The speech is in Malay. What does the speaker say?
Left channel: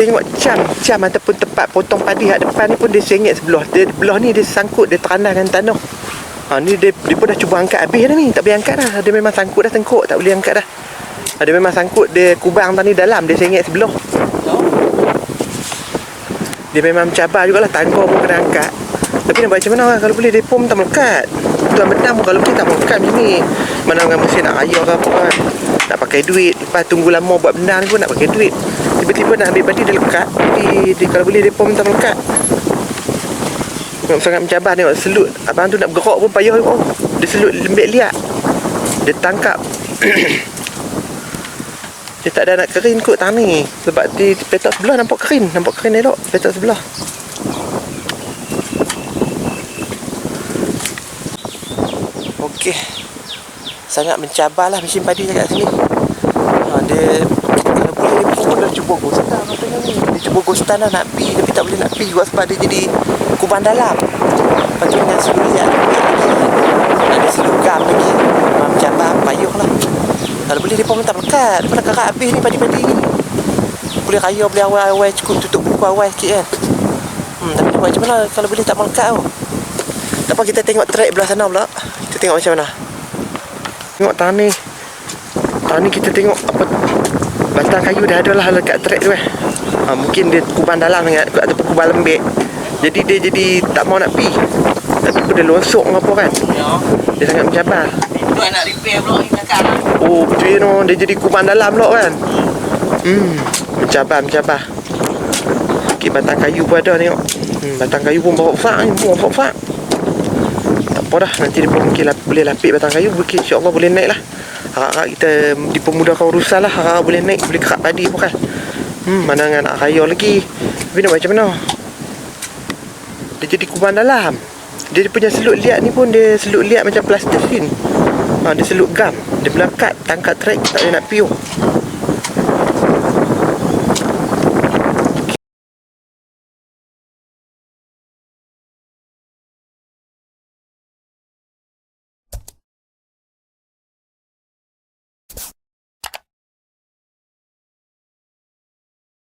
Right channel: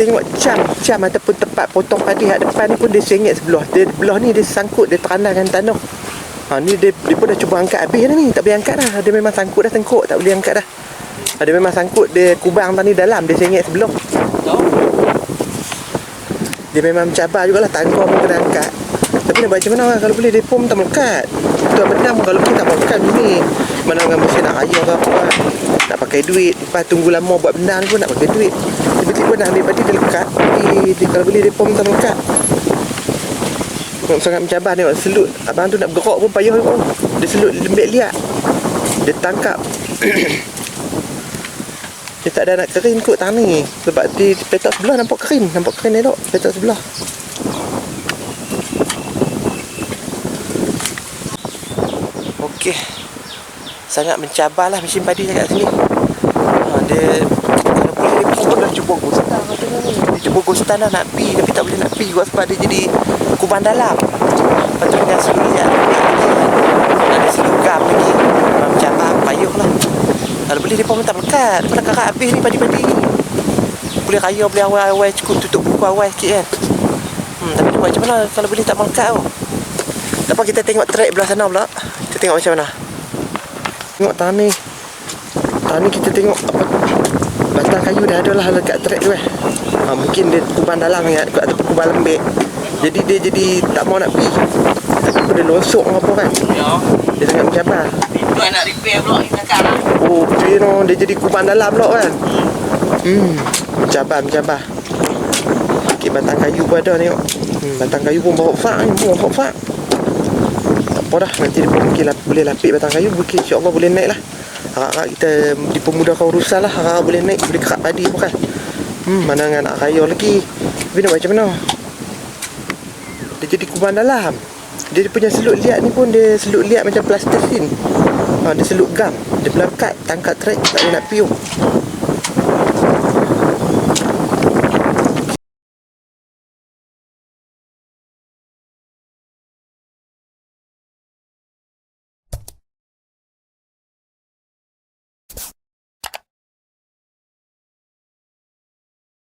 Tengok cam ataupun tempat potong padi kat depan ni pun dia sengit sebelah. Dia belah ni dia sangkut, dia terandah dengan tanah. Ni dia pun dah cuba angkat habis dah ni, tak boleh angkat dah. Dia memang sangkut dah tengkuk, tak boleh angkat dah. Dia memang sangkut, dia kubang tadi dalam, dia sengit sebelah. Dia memang mencabar jugalah, tangga pun kena angkat. Tapi nak buat macam mana kalau boleh depa pun tak melekat. Tuan benam pun kalau boleh tak melekat macam ni. Mana dengan mesin nak raya ke apa kan. Nak pakai duit, lepas tunggu lama buat benda ni pun nak pakai duit. Tiba-tiba nak ambil padi dia lekat. Jadi kalau boleh depa pun tak melekat. Sangat mencabar, tengok selut. Abang tu nak bergerak pun payah juga. Dia selut lembek liat. Dia tangkap. Dia tak ada nak kering kot tangan ni. Sebab di petak sebelah nampak kering. Nampak kering elok petak sebelah. Okey. Sangat mencabarlah mesin padi dekat sini. Dia kalau boleh dia pun dah cuba gostan katanya ni. Dia cuba gostan dah nak pi tapi tak boleh nak pi juga sebab dia jadi kubang dalam. Lepas tu dengan selut liat lagi. Ada selut gam lagi. Memang mencabar, payuh lah. Kalau boleh dia pun tak melekat. Dia pun nak karat habis ni padi-padi ni. Boleh raya, boleh awal-awal cukup tutup buku awal sikit kan. Tapi dia buat macam mana kalau boleh tak melekat tau. Tak apa, kita tengok track belah sana pula. Kita tengok macam mana. Tengok tangan ni. Tangan ni kita tengok apa, batang kayu dah ada lah dekat track tu mungkin dia kubang dalam ataupun kubang lembek. Jadi dia jadi tak mau nak pi. Ataupun dia losok ke apa kan. Dia sangat mencabar. Itu nak repair pula ni kakak lah. Oh betul no, dia jadi kubang dalam pula kan. Mencabar. Okey, batang kayu pun ada tengok. Batang kayu pun bawa fak ni, fak. Tak apa dah, nanti dia pun mungkin boleh lapik batang kayu, mungkin insya-Allah boleh naik lah. Harap-harap kita dipermudahkan urusan lah, harap boleh naik, boleh kerak padi pun kan. Mana dengan nak raya lagi. Tapi nak buat macam mana? Dia jadi kubang dalam. Dia punya selut liat ni pun dia selut liat macam plastik sin. Dia selut gam. Dia melekat, tangkap trek, tak boleh nak piuh.